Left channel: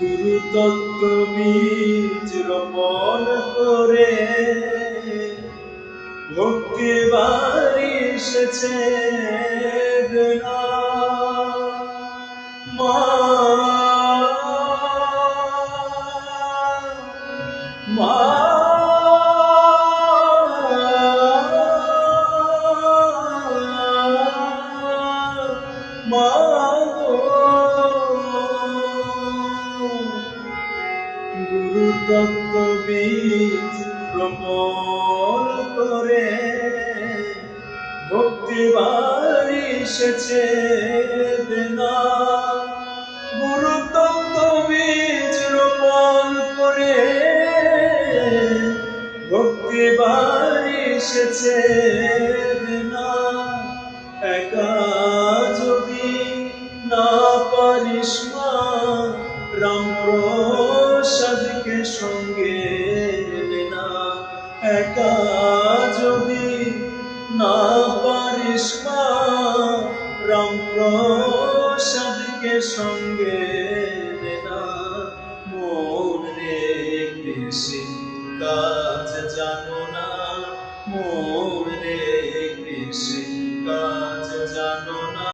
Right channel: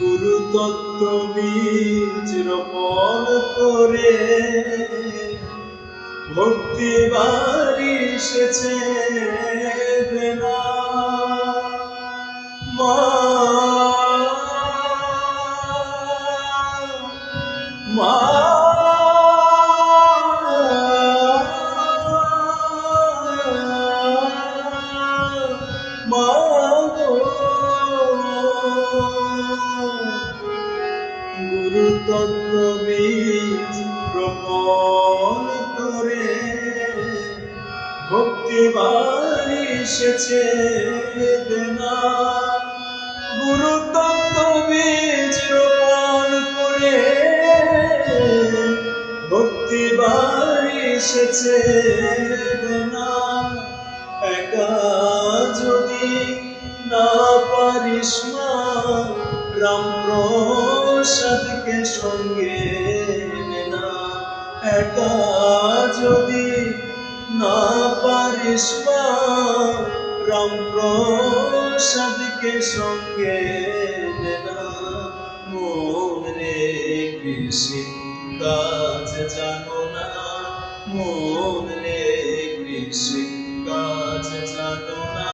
গুরু তত্ত্ব বীজ রোপণ করে ভক্তি বাড়ি এসেছে দেনা। মা মা মা গো, গুরু তত্ত্ব বীজ রোপণ করে ভক্তি বাড়ি এসেছে দেনা। গুরু তত্ত্ব বীজ রোপণ করে ভক্তি বাড়ি এসেছে দেনা। একা যদি না পারিস মা, রামপ্রসাদকে সঙ্গে নেনা। একা যদি না পারিস মা, রামপ্রসাদকে সঙ্গে নেনা। মন রে কৃষি কাজ জানো না, মন রে কৃষি কাজ জানো না।